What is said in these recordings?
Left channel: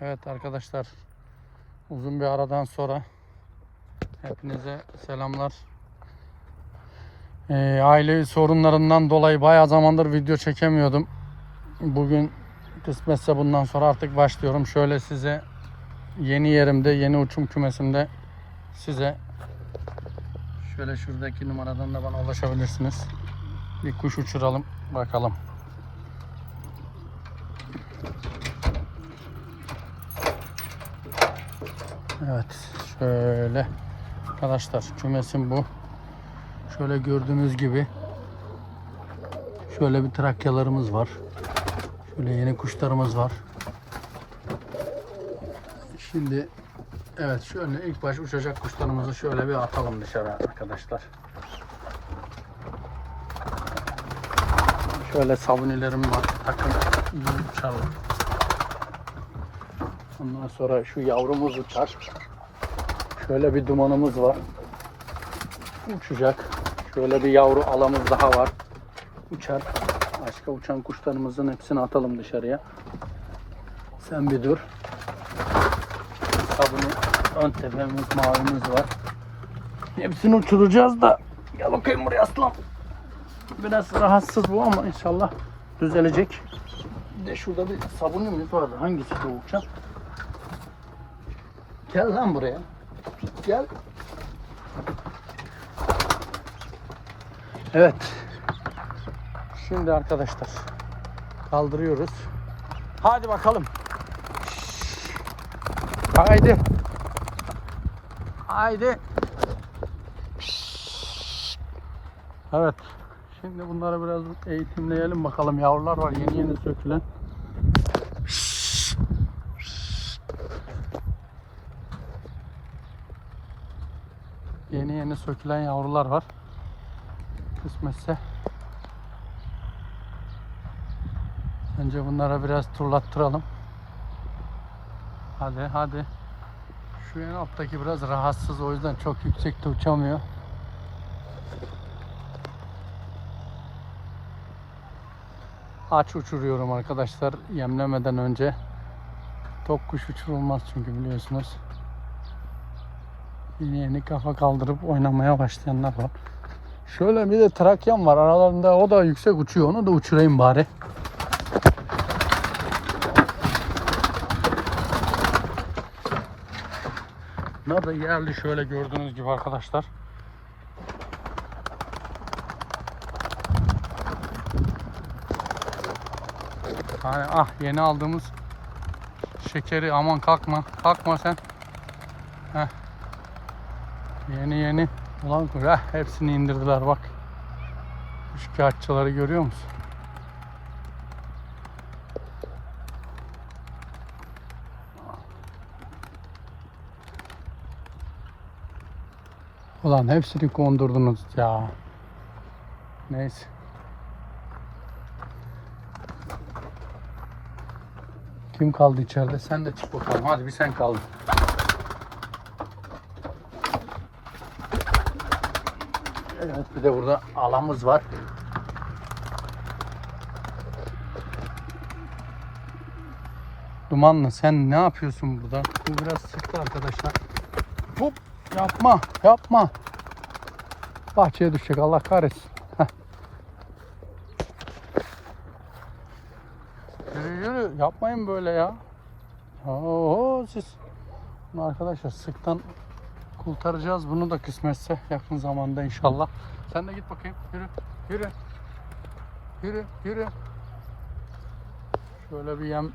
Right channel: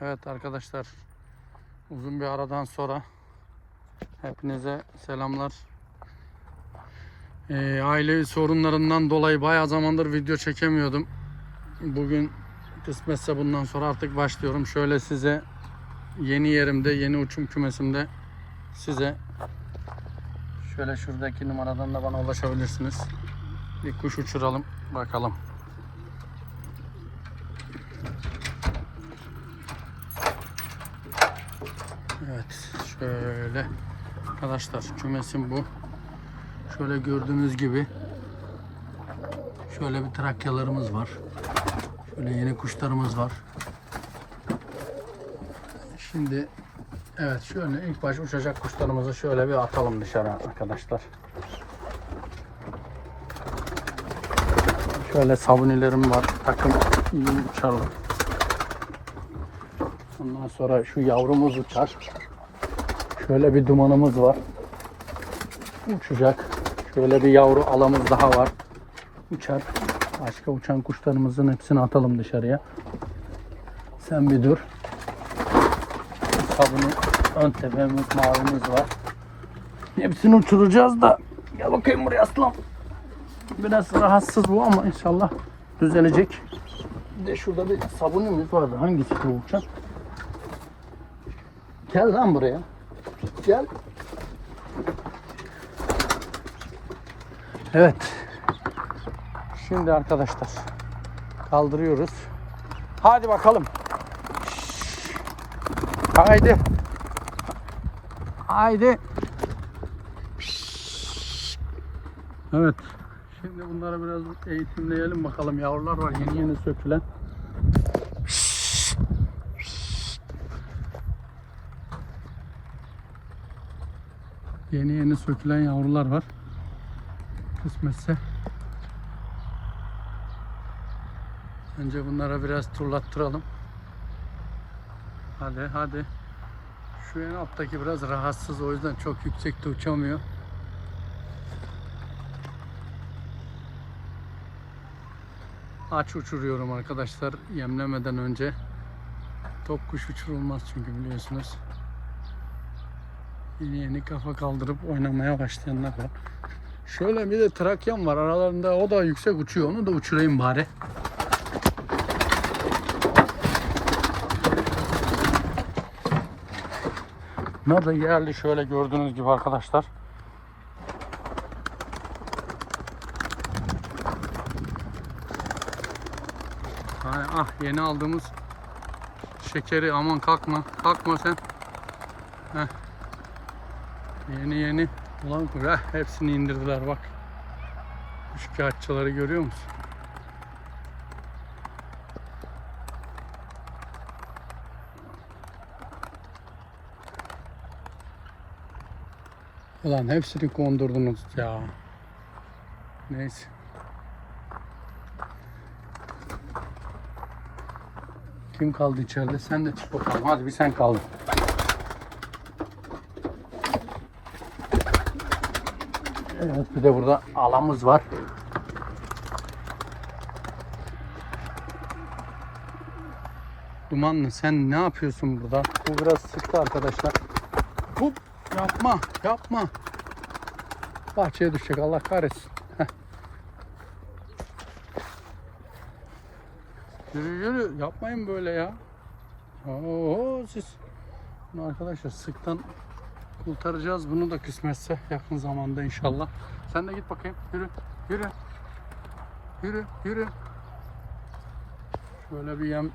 Evet arkadaşlar uzun bir aradan sonra hepinize selamlar. Ee, aile sorunlarından dolayı bayağı zamandır video çekemiyordum. Bugün kısmetse bundan sonra artık başlıyorum. Şöyle size yeni yerimde, yeni uçum kümesimde size şöyle şuradaki numaradan da bana ulaşabilirsiniz. Bir kuş uçuralım bakalım. Evet şöyle arkadaşlar kümesim bu. Şöyle gördüğünüz gibi şöyle bir trakyalarımız var. Şöyle yeni kuşlarımız var. Şimdi evet şöyle ilk baş uçacak kuşlarımızı şöyle bir atalım dışarı arkadaşlar. Şöyle sabunilerim var. Takım uçalım. Sonra şu yavrumuz uçar. Şöyle bir dumanımız var. Uçacak. Şöyle bir yavru alamız daha var. Uçar. Başka uçan kuşlarımızın hepsini atalım dışarıya. Sen bir dur. Sabunu ön tepemizin yavrumuz var. Hepsini uçuracağız da. Gel bakayım buraya aslan. Biraz rahatsız bu ama inşallah düzelecek. Bir de şurada bir sabunumuz vardı. Hangisi bu uçak? Gel lan buraya. Gel. Evet. Şimdi arkadaşlar kaldırıyoruz. Hadi bakalım. Haydi. Haydi. Evet. Şimdi bunları biraz eğitimleyelim bakalım. Yavrular var yeni yeni sökülen. Yeni sökülen yavrular var. Kısmetse. Önce bunlara biraz turlattıralım. Hadi hadi. Şu en alttaki biraz rahatsız o yüzden çok yüksekte uçamıyor. Aç uçuruyorum arkadaşlar yemlemeden önce. Tok kuş uçurulmaz çünkü biliyorsunuz. Yeni yeni kafa kaldırıp oynamaya başlayanlar var. Şöyle bir de trakyam var aralarında o da yüksek uçuyor onu da uçurayım bari. Bunlar da geldi şöyle gördüğünüz gibi arkadaşlar. Hani ah yeni aldığımız şekeri aman kalkma kalkma sen. Heh. Yeni yeni ulan kuş heh, hepsini indirdiler bak. Şikayetçileri görüyor musun? Ulan hepsini kondurdunuz ya. Neyse. Kim kaldı içeride? Sen de çık bakalım. Hadi bir sen kaldın. Bir de burada alamız var. Dumanlı sen ne yapıyorsun burada? Bu biraz sıktı arkadaşlar. Hop yapma yapma. Bahçeye düşecek Allah kahretsin. Yürü yürü yapmayın böyle ya. Oo siz. Arkadaşlar sıktan kurtaracağız bunu da kısmetse yakın zamanda inşallah. Sen de git bakayım. Yürü yürü. Yürü yürü. Şöyle bir yem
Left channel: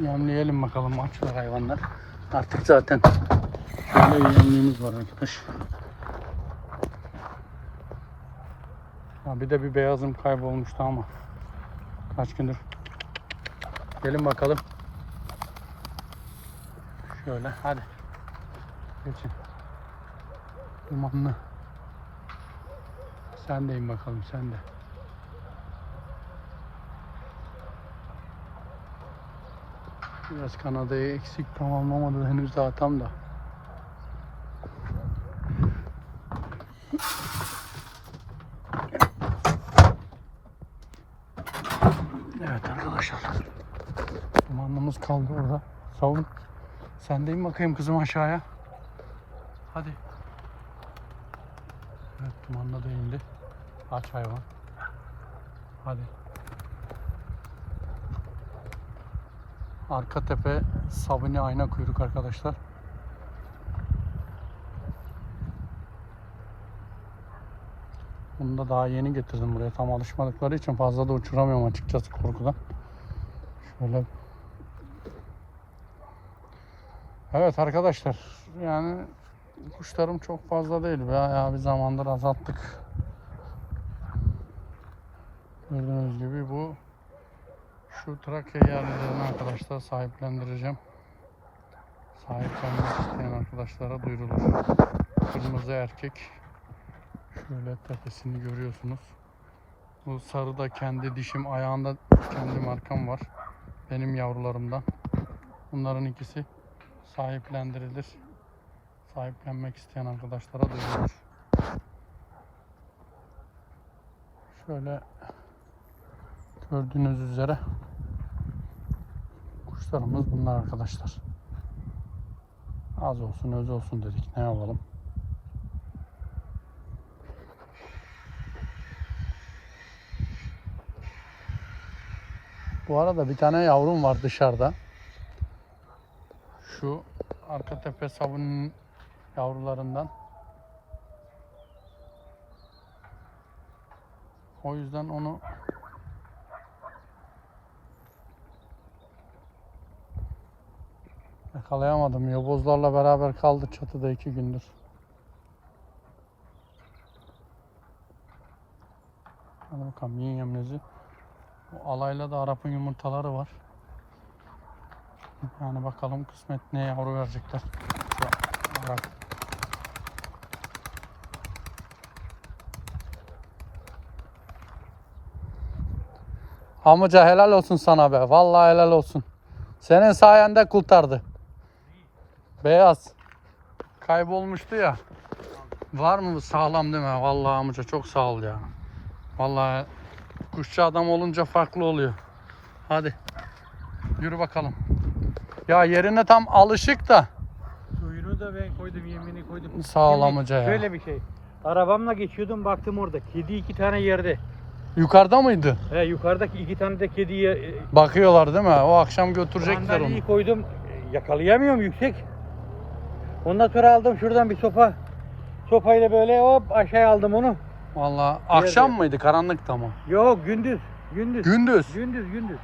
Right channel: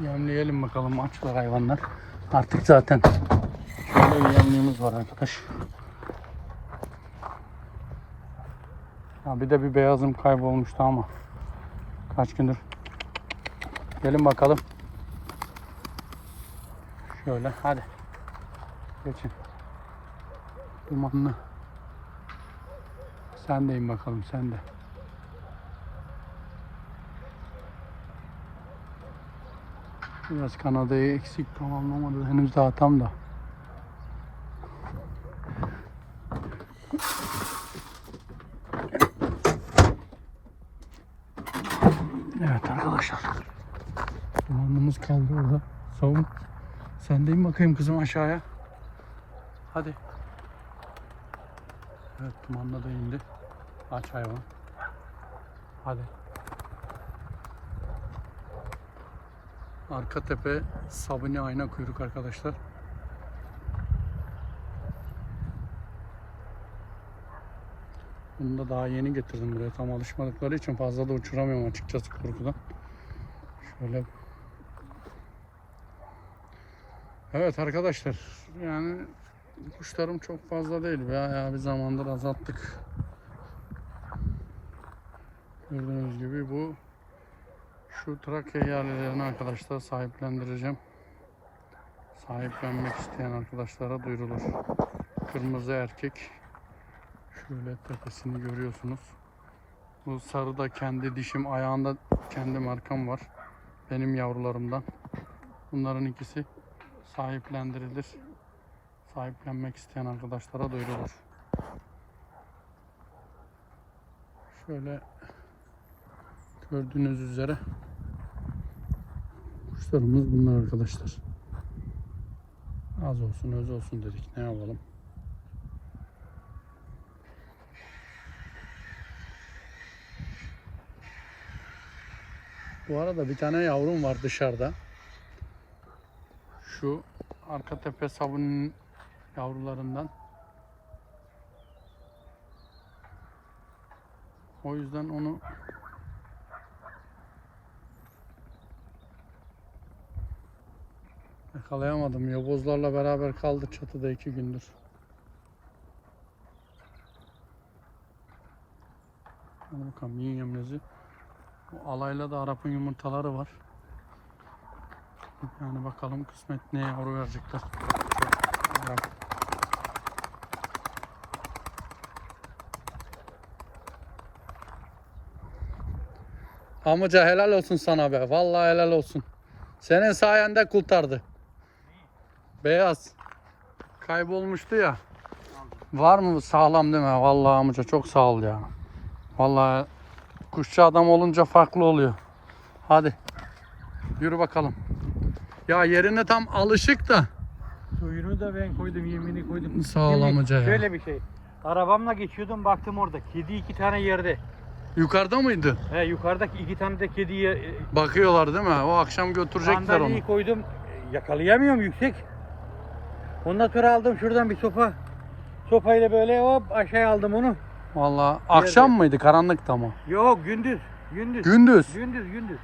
yemleyelim bakalım açlar hayvanlar. Artık zaten bir yemliğimiz var arkadaş. Ha bir de bir beyazım kaybolmuştu ama kaç gündür. Gelin bakalım. Şöyle hadi. Geçin. Dumanlı. Sen de in bakalım sen de. Biraz Kanada'yı eksik tamamlamadı henüz daha tam da. Evet arkadaşlar. Dumanlımız kaldı orada. Savun. Sen de in bakayım kızım aşağıya. Hadi. Evet dumanla da indi. Aç hayvan. Hadi. Arka tepe sabuni ayna kuyruk arkadaşlar. Bunu da daha yeni getirdim buraya. Tam alışmadıkları için fazla da uçuramıyorum açıkçası korkudan. Şöyle. Evet arkadaşlar. Yani kuşlarım çok fazla değil. Bayağı bir zamandır azalttık. Gördüğünüz gibi bu şu Trakya yerlilerini arkadaşlar sahiplendireceğim. Sahiplenmek isteyen arkadaşlara duyurulur. Kırmızı erkek. Şöyle tepesini görüyorsunuz. Bu sarı da kendi dişim, ayağında kendi markam var. Benim yavrularımdan. Bunların ikisi sahiplendirilir. Sahiplenmek isteyen arkadaşlara duyurulur. Şöyle gördüğünüz üzere kuşlarımız bunlar arkadaşlar. Az olsun öz olsun dedik. Ne yapalım? Bu arada bir tane yavrum var dışarıda. Şu arka tepe sabunun yavrularından. O yüzden onu yakalayamadım. Yobozlarla beraber kaldı çatıda iki gündür. Hadi bakalım yiyin yemlezi. Bu alayla da Arap'ın yumurtaları var. Yani bakalım kısmet ne yavru verecekler. Arap. Amca helal olsun sana be. Vallahi helal olsun. Senin sayende kurtardı. Beyaz. Kaybolmuştu ya. Var mı sağlam değil mi? Vallahi amca çok sağ ol ya. Vallahi kuşçu adam olunca farklı oluyor. Hadi. Yürü bakalım. Ya yerine tam alışık da. Suyunu da ben koydum, yemini koydum. Sağ ol amca ya. Şöyle bir şey. Arabamla geçiyordum baktım orada. Kedi iki tane yerde. Yukarıda mıydı? He yukarıdaki iki tane de kediye e, Bakıyorlar değil mi? O akşam götürecekler onu. sandalyeyi koydum. Yakalayamıyorum yüksek. Ondan sonra aldım şuradan bir sopa. Sopayla böyle hop aşağıya aldım onu. Vallahi akşam mıydı? Karanlıkta mı? Yok gündüz. Gündüz. Gündüz. Gündüz gündüz.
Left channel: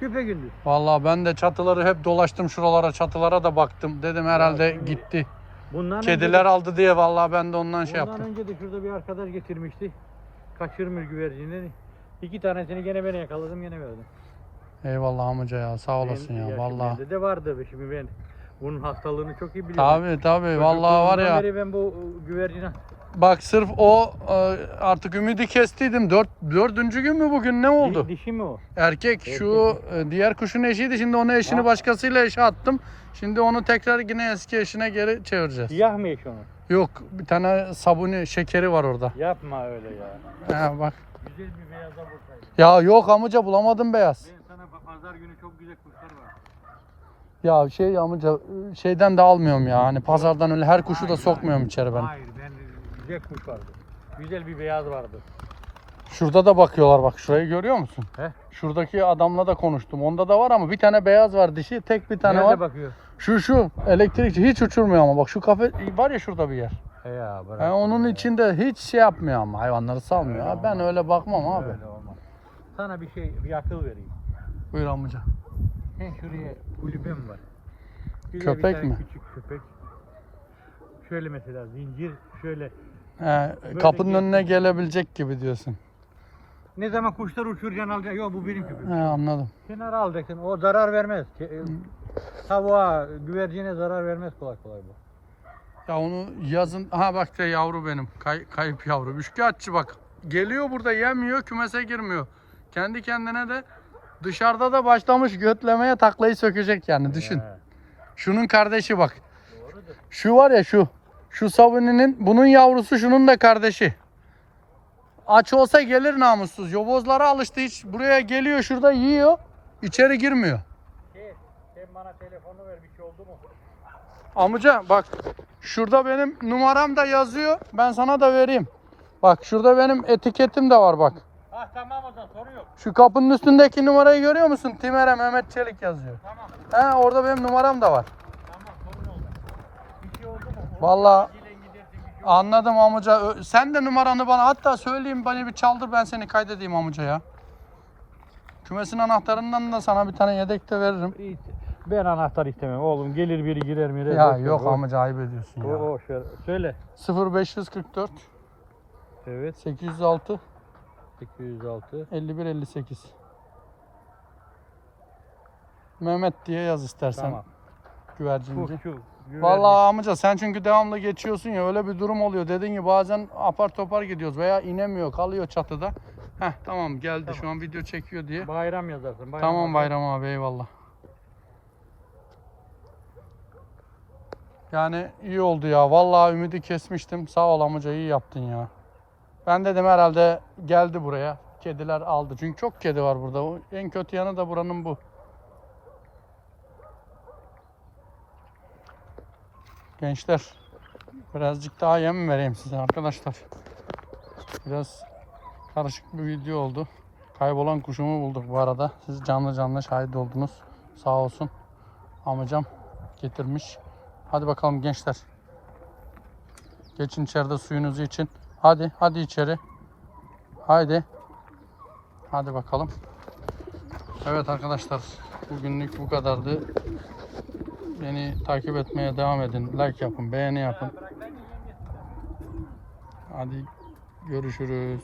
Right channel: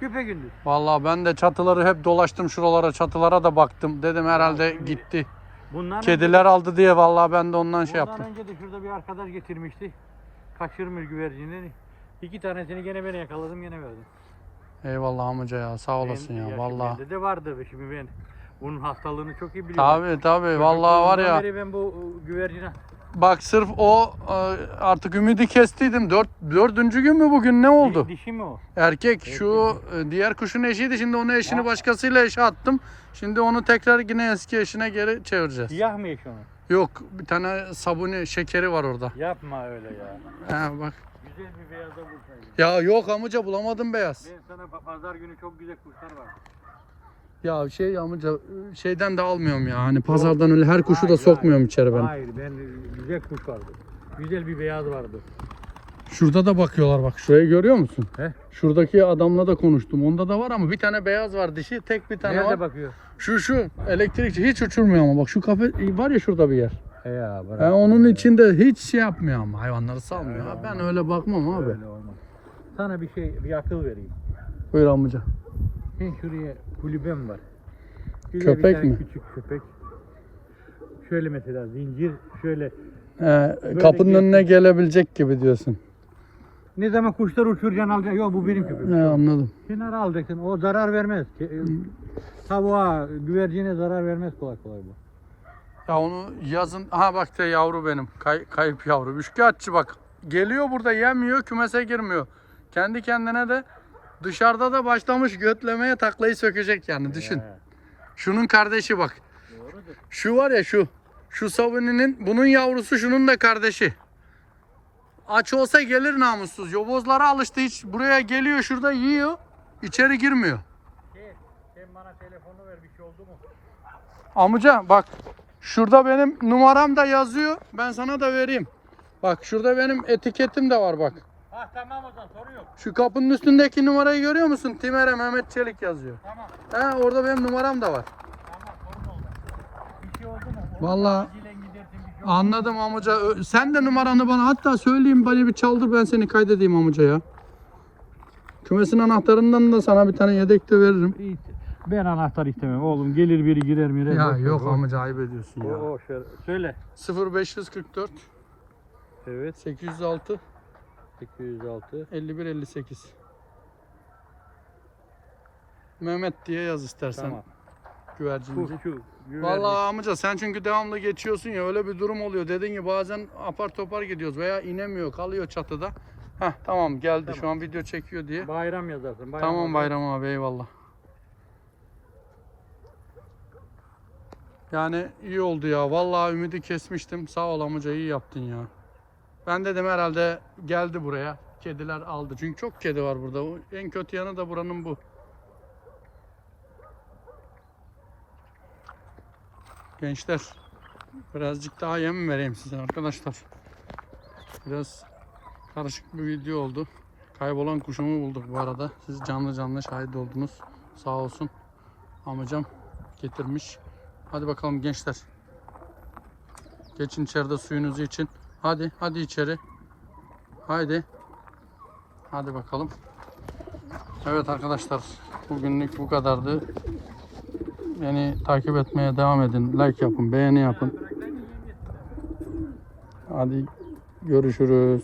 Küpe gündüz. Vallahi ben de çatıları hep dolaştım şuralara çatılara da baktım. Dedim herhalde gitti. Bundan Kediler aldı diye vallahi ben de ondan önce, şey bundan yaptım. önce de şurada bir arkadaş getirmişti. Kaçırmış güvercinleri. İki tanesini gene ben yakaladım yine verdim. Eyvallah amca ya sağ olasın ya Benim vallahi. güvercinlerde de vardı şimdi ben bunun hastalığını çok iyi biliyorum. Tabi tabi vallahi var ya. Ben bu güvercine Bak sırf o e, artık ümidi kestiydim. Dört, dördüncü gün mü bugün ne oldu? Di- dişi mi o? Erkek şu e, diğer kuşun eşiydi. Şimdi onu eşini başkasıyla eşe attım. Şimdi onu tekrar yine eski eşine geri çevireceğiz. Siyah mı eş onu? Yok bir tane sabuni şekeri var orada. Yapma öyle ya. He bak. Güzel bir beyaza vursaydın. Ya yok amca bulamadım beyaz. Ben sana pa- pazar günü çok güzel kuşlar var. Ya şey amca şeyden de almıyorum ya. Hani pazardan öyle her kuşu da sokmuyorum içeri ben. Hayır ben güzel kuş vardı. Güzel bir beyaz vardı. Şurada da bakıyorlar bak. Şurayı görüyor musun? He? Şuradaki adamla da konuştum. Onda da var ama bir tane beyaz var dişi. Tek bir tane Nerede var. bakıyor? Şu şu elektrikçi hiç uçurmuyor ama bak şu kafe var ya şurada bir yer. He ya bırak. Yani onun içinde hiç şey yapmıyor ama hayvanları salmıyor. Ha, Ben öyle bakmam abi. Öyle olmaz. Sana bir şey, bir akıl vereyim. Buyur amca. Ben şuraya kulübem var. Güzel Köpek mi? Küçük köpek. Şöyle mesela zincir şöyle. He, kapının bir- önüne gelebilecek gibi diyorsun. Ne zaman kuşlar uçuracaksın alacaksın. Yok bu benim köpeğim. He, anladım. Kenara alacaksın. O zarar vermez. Ke- Tavuğa, güvercine zarar vermez kolay kolay bu. Ya onu yazın ha bak de yavru benim. Kay, kayıp yavru. Üçkağıtçı bak. Geliyor burada yemiyor kümese girmiyor. Kendi kendine de dışarıda da başlamış götlemeye taklayı sökecek yani düşün. Şunun kardeşi bak. Şu var ya şu. Şu savuninin bunun yavrusu şunun da kardeşi. Aç olsa gelir namussuz. Yobozlara alıştı hiç. Buraya geliyor şurada yiyor. İçeri girmiyor. Şey, sen bana telefonu ver Bir şey oldu mu? Amca bak şurada benim numaram da yazıyor. Ben sana da vereyim. Bak şurada benim etiketim de var bak. Ha tamam o zaman sorun yok. Şu kapının üstündeki numarayı görüyor musun? Timere Mehmet Çelik yazıyor. He orada benim numaram da var. Şey anladım amca. Sen de numaranı bana hatta söyleyeyim bana bir çaldır ben seni kaydedeyim amca ya. Kümesin anahtarından da sana bir tane yedek de veririm. Ben anahtar istemem oğlum. Gelir biri girer mi? Ya yok amca ayıp ediyorsun ya. Söyle. 0544 Evet. 806 206. 51 58 Mehmet diye yaz istersen Tamam. Güvercinci. Vallahi amca sen çünkü devamlı geçiyorsun ya öyle bir durum oluyor. Dedin ki bazen apar topar gidiyoruz veya inemiyor kalıyor çatıda. Heh tamam geldi şu an video çekiyor diye. Bayram yazarsın. Bayram Tamam Bayram abi eyvallah. Yani iyi oldu ya. Vallahi ümidi kesmiştim. Sağ ol amca iyi yaptın ya. Ben dedim herhalde geldi buraya. Kediler aldı. Çünkü çok kedi var burada. En kötü yanı da buranın bu. Gençler birazcık daha yem vereyim size arkadaşlar. Biraz karışık bir video oldu. Kaybolan kuşumu bulduk bu arada. Siz canlı canlı şahit oldunuz. Sağ olsun. Amcam getirmiş. Hadi bakalım gençler. Geçin içeride suyunuzu için. Hadi hadi içeri. Haydi. Hadi bakalım. Evet arkadaşlar. Bugünlük bu kadardı. Beni takip etmeye devam edin. Like yapın, beğeni yapın. Hadi görüşürüz.